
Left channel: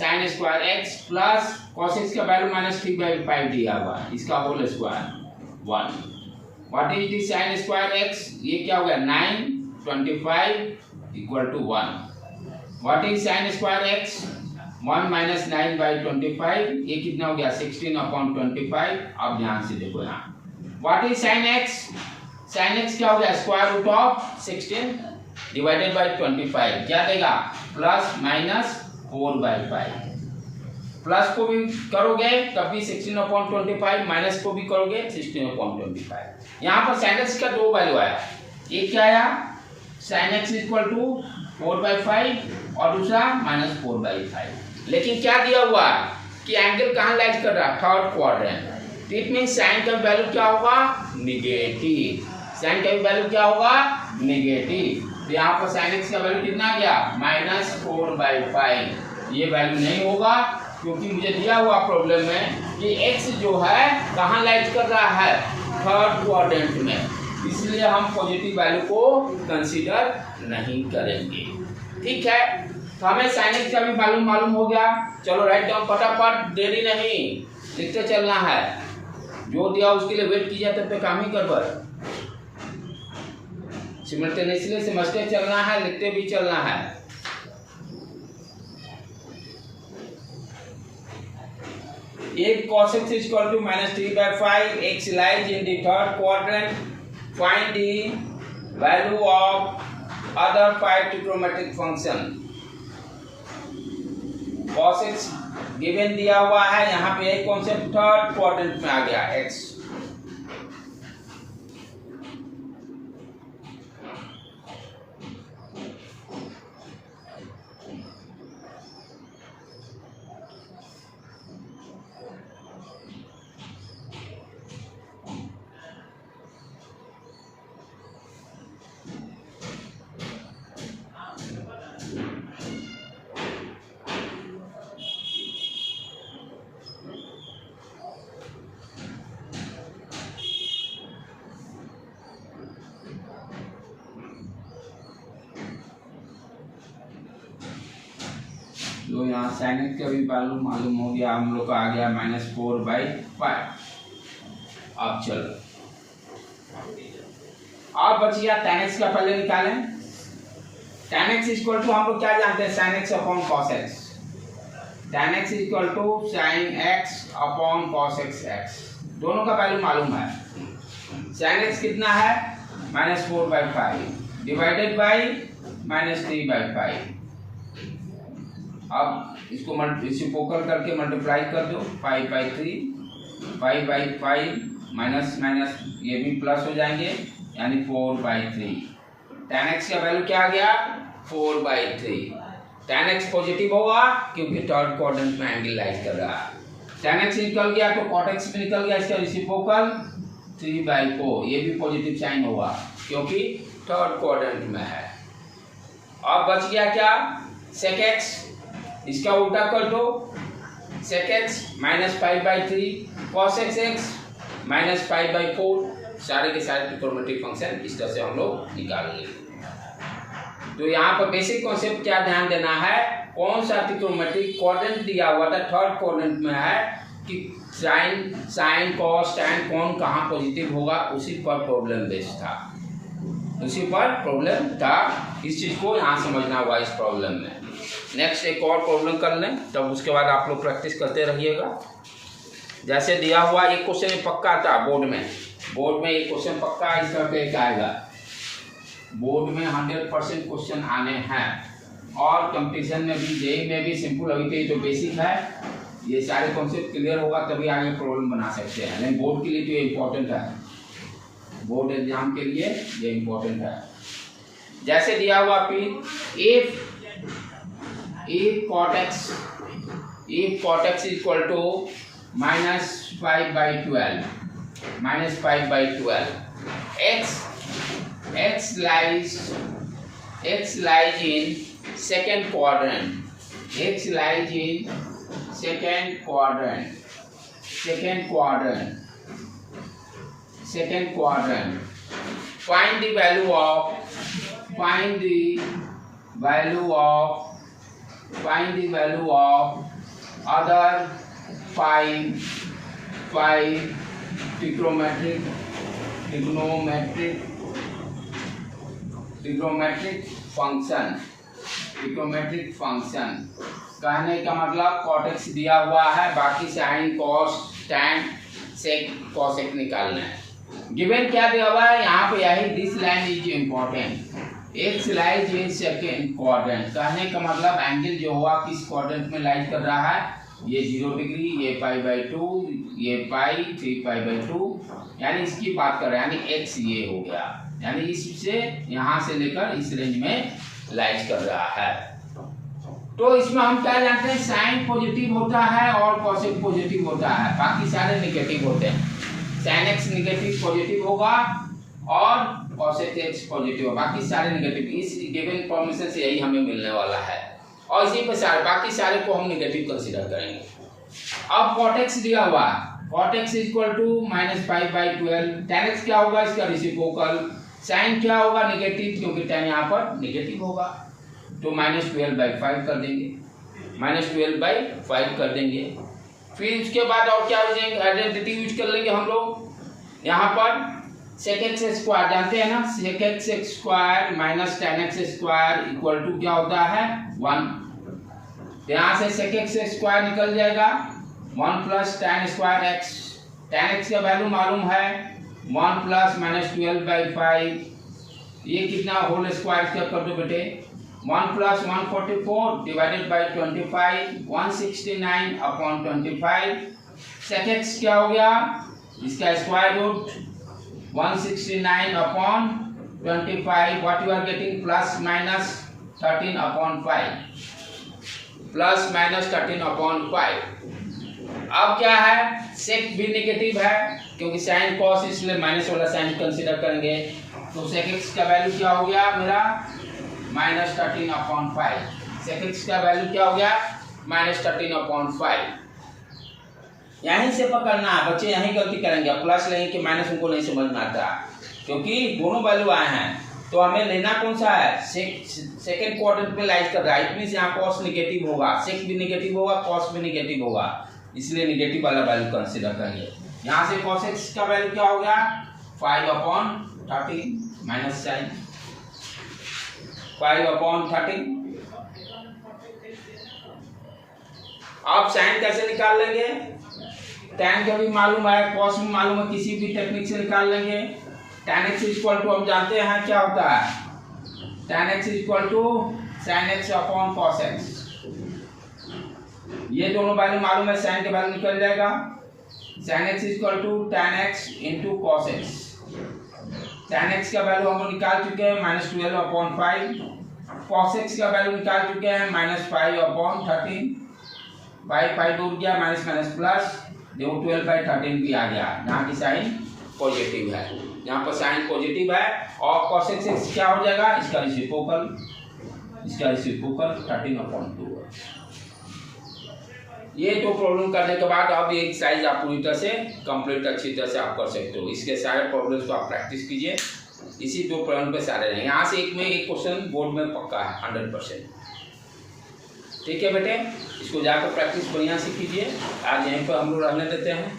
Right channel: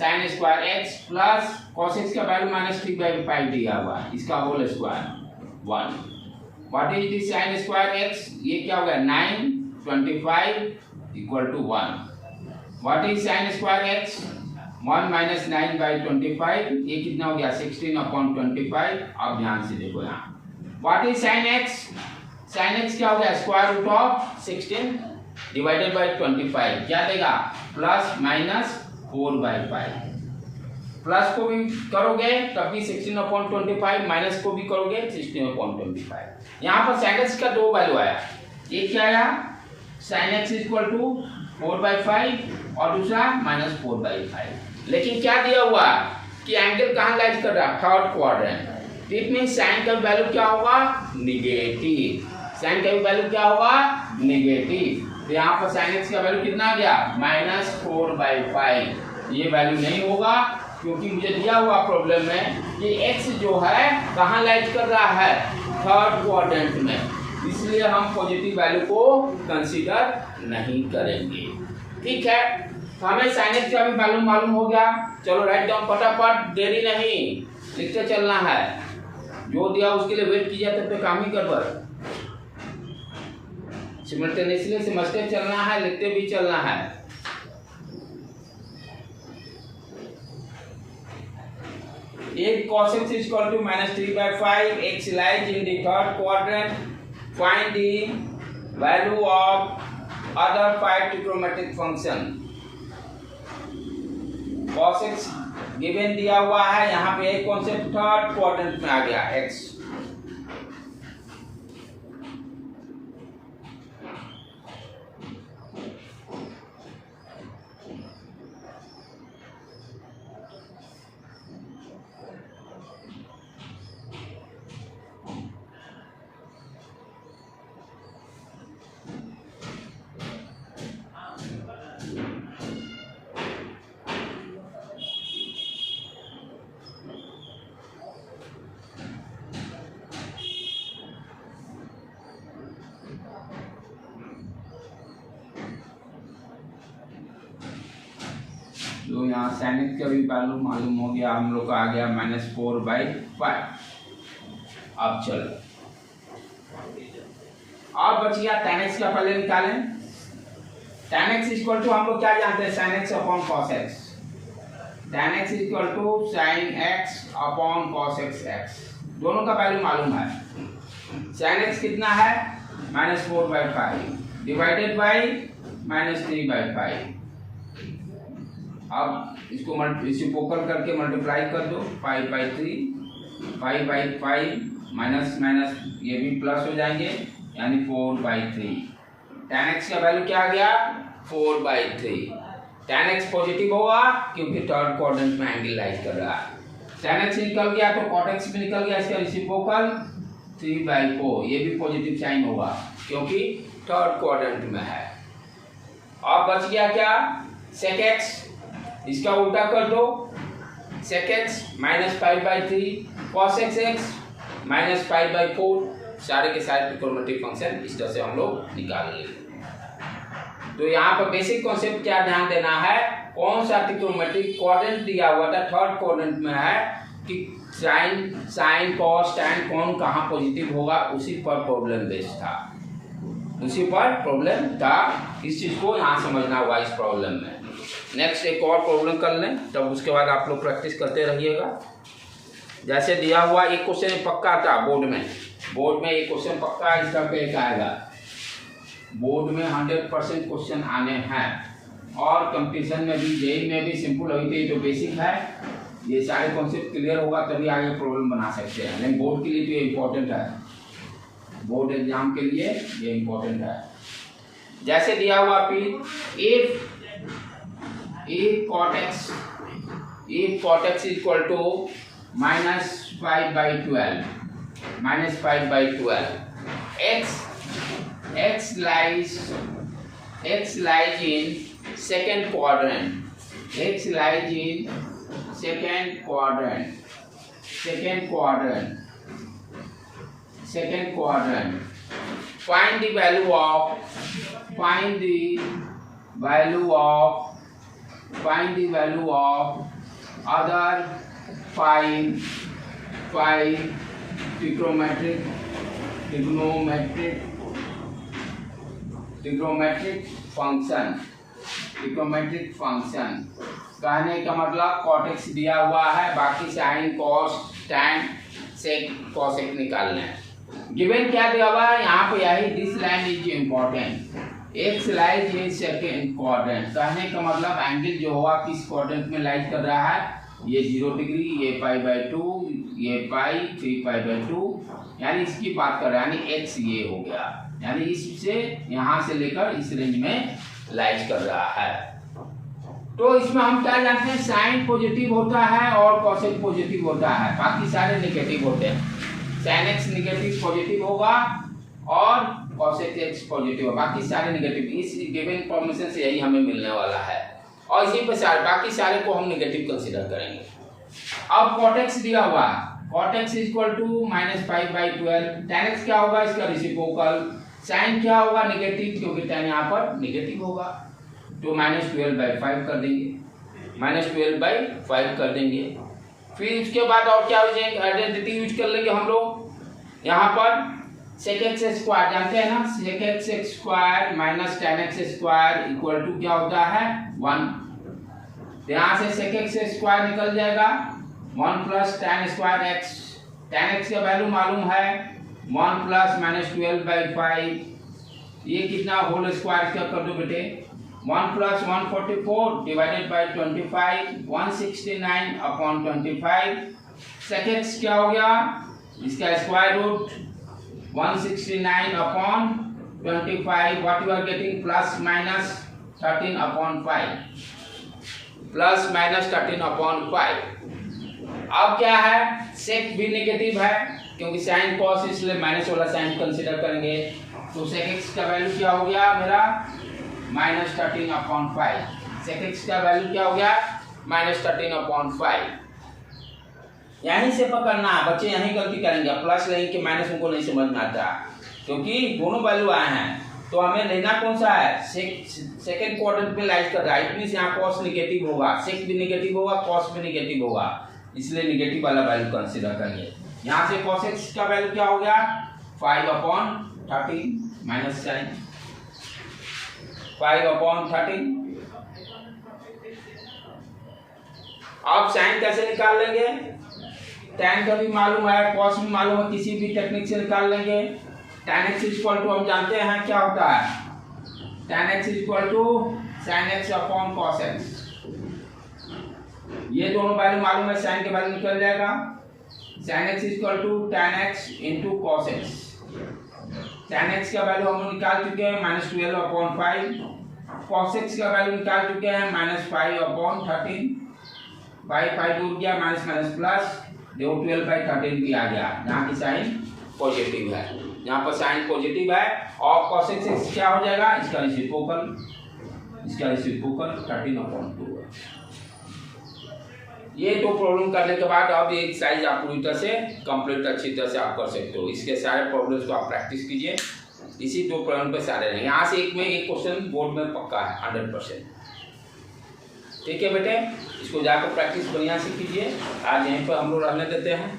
sin square x plus cos x का वैल्यू माइनस 3/5 दिया हुआ है, इसका whole square 1। What is the sin square x? ये क्या हो गया? 9 25 equal to 1। What is sin square x? 1 minus 9/25, ये कितना हो गया? 16/25। अब ध्यान से देखो यहाँ, what is sin x? sin x क्या हो गया? Square root of 16 divided by 25, क्या देगा? Plus minus 4/5। प्लस को भी करोगे तब भी 16/25, माइनस को भी करोगे 16/25। यहाँ पर sin x का 2 वैल्यू आया, एक क्या आया? sin x इक्वल टू 4/5 और दूसरा माइनस 4/5। लेकिन क्या दिया हुआ कि एंगल कहाँ लाइज कर रहा है? Third quadrant. It mean sine का वैल्यू क्या होगा? निगेटिव। साइन का वैल्यू क्या होगा? निगेटिव। तो यहाँ पर sin x का वैल्यू कितना आ गया? माइनस 4/5। ये वैल्यू नहीं होगा क्योंकि मुझे दिया हुआ प्रॉब्लम में कि x जो है कहाँ लाइज कर रहा है? थर्ड क्वाड्रेंट में, इसलिए हम पॉजिटिव वैल्यू को कंसीडर नहीं करेंगे, ठीक है। तो हमें sin x का भी वैल्यू मालूम हो गया। चलो राइट डाउन फटाफट, देरी नहीं, लिखते चलना है, जो दिया उसके लिए वेट किया तब पे काम ही गड़बड़। सिमल्टेनियसली समझते चलना है, लिखते भी चलना है। If cos x is equal to minus 3/5, x lies in the third quadrant, find the value of other 5 trigonometric function। cos x given दिया हुआ है, यहाँ पे एक कॉन्सेप्ट थर्ड क्वाड्रेंट में आ गया x। तो यहाँ sin x का भी वैल्यू मालूम हो गया हम लोग का, आ गया -4/5। अब चलो अब बच गया tan x का, पहले निकालें। tan x इक्वल टू हम लोग क्या जानते हैं? sin x upon cos x। tan x equal to sin x upon cos x, दोनों का वैल्यू मालूम है। sin x कितना है? -4/5 डिवाइडेड बाई -3/5। अब इसको रेसिप्रोकल करके मल्टीप्लाई कर दो, 5/3, 5/5 माइनस माइनस ये भी प्लस हो जाएंगे, यानी 4/3। tan x का वैल्यू क्या आ गया? 4/3। tan x पॉजिटिव होगा क्योंकि थर्ड क्वाड्रेंट में एंगल लाइज कर रहा है। tan x निकल गया तो cot x भी निकल गया, इसका रेसिप्रोकल 3/4, ये भी पॉजिटिव साइन होगा क्योंकि थर्ड क्वाड्रेंट में है। अब बच गया क्या? sec x, इसका उल्टा कर दो, sec x -5/3, cos x -5/4, सारे के सारे ट्रिग्नोमेट्रिक फंक्शन इस तरह से हम लोग निकाल लेंगे। तो यहाँ पर बेसिक कॉन्सेप्ट क्या ध्यान देना है, कौन सा ट्रिग्नोमेट्रिक क्वाड्रेंट दिया हुआ था, थर्ड क्वाड्रेंट में है कि साइन कॉस टैन कौन कहाँ पॉजिटिव होगा, उसी पर प्रॉब्लम बेस्ड था, उसी पर प्रॉब्लम था। इस चीज़ को यहाँ समझना हुआ इस प्रॉब्लम में। नेक्स्ट एक और प्रॉब्लम कर लें, तब उसके बाद आप लोग प्रैक्टिस करते रहिएगा। जैसे दिया हुआ एक क्वेश्चन पक्का था बोर्ड में एक क्वेश्चन पक्का इसका एक आएगा, बोर्ड में 100% क्वेश्चन आने हैं, और कंपटीशन में भी जेई में भी सिंपल हुई थी, जो बेसिक है ये सारे कॉन्सेप्ट क्लियर होगा तभी आगे प्रॉब्लम बना सकते हैं। लेकिन बोर्ड के लिए तो ये इम्पोर्टेंट है, बोर्ड एग्जाम के लिए ये इम्पोर्टेंट है। जैसे दिया हुआ फिर if cot x equal to -5/12 x lies in second quadrant, find the value of other five trigonometric function। कहने का मतलब cot x दिया हुआ है, बाकी sin cos tan sec cosec निकालना है। गिवन क्या दिया हुआ है यहाँ पे, यही this line is important, x lies in second quadrant. कहने का मतलब एंगल जो हुआ किस क्वाड्रेंट में लाइज कर रहा है, ये 0 डिग्री, ये π/2, ये पाई 3π/2, यानी इसकी बात कर रहे हैं, यानी एक्स ये हो गया, यानी इससे यहाँ से लेकर इस रेंज में लाइज कर रहा है। तो इसमें हम क्या जानते हैं, साइन पॉजिटिव होता है और कॉसेक पॉजिटिव होता है, बाकी सारे निगेटिव होते हैं। साइन एक्स निगेटिव पॉजिटिव होगा और कॉसेक एक्स पॉजिटिव होगा, बाकी सारे निगेटिव। इस गिवन इंफॉर्मेशन से यही हमें मिलने वाला है, और इसी पे सारे बाकी सारे को हम निगेटिव कंसीडर करेंगे। अब cot x दिया हुआ है, cot x equal to -5/12, tan x क्या होगा, इसका रेसिप्रोकल, साइन क्या होगा नेगेटिव, क्योंकि tan यहाँ पर नेगेटिव होगा, तो -12/5 कर देंगे, -12/5 कर देंगे। फिर उसके बाद और क्या हो जाएंगे, आइडेंटिटी यूज कर लेंगे हम लोग। यहाँ पर sec x स्क्वायर जानते हैं ना, sec x square minus tan x square equal to क्या होता है 1। यहाँ से sec x स्क्वायर निकल जाएगा, 1 plus tan square x, tan x का वैल्यू मालूम है 1 प्लस -12/5, ये कितना होल स्क्वायर क्या कर दो बेटे, 1 plus 144 divided by 25, 169/25। sec x क्या हो गया, इसका square root 169/25, what you are getting ±13/5, ±13/5। अब क्या है, sec भी नेगेटिव है क्योंकि साइन कॉस, इसलिए माइनस वाला साइन कंसीडर करेंगे, तो sec x का वैल्यू क्या हो गया मेरा -13/5। sec x का वैल्यू क्या हो गया -13/5। यहीं से पकड़ना है बच्चे, यहीं गलती करेंगे, प्लस लेंगे कि माइनस उनको नहीं समझ में आता, क्योंकि दोनों वैल्यू आए हैं। तो हमें लेना कौन सा है, सेकंड क्वाड्रेंट में लाइज कर रहा है, इतनी से यहाँ कॉस नेगेटिव होगा, सेक भी नेगेटिव होगा, कॉस भी नेगेटिव होगा, इसलिए नेगेटिव वाला वैल्यू कंसीडर करेंगे। यहाँ से cos x का वैल्यू क्या हो गया 5/13 माइनस साइन 5/13। अब साइन कैसे निकाल लेंगे, tan का भी मालूम है, cos भी मालूम है, किसी भी टेक्निक से निकाल लेंगे। tan x इक्वल टू हम जानते हैं क्या होता है, tan x equal to sin x/cos x, ये दोनों वैल्यू मालूम है, साइन के वैल्यू निकल जाएगा, sin x equal to tan x into cos x। tan x का वैल्यू हम निकाल चुके हैं -12/5, cos x का वैल्यू निकाल चुके हैं -5/13, 5 दूर गया, माइनस माइनस प्लस, देखो 12/13 भी आ गया, यहाँ की साइन पॉजिटिव है, यहाँ पर साइन पॉजिटिव है, और cos x क्या हो जाएगा, इसका रेसिप्रोकल 13/2। ये तो प्रॉब्लम करने के बाद अब एक साइज आप पूरी तरह से कंप्लीट अच्छी तरह से आप कर सकते हो। इसके सारे प्रॉब्लम्स को आप प्रैक्टिस कीजिए। इसी 2 पॉइंट पे सारे रहेंगे। यहाँ से एक में एक क्वेश्चन बोर्ड में पक्का है 100%। ठीक है बेटे, इसको जाकर प्रैक्टिस बढ़िया से कीजिए। आज यहीं पर हम लोग रहने देते हैं।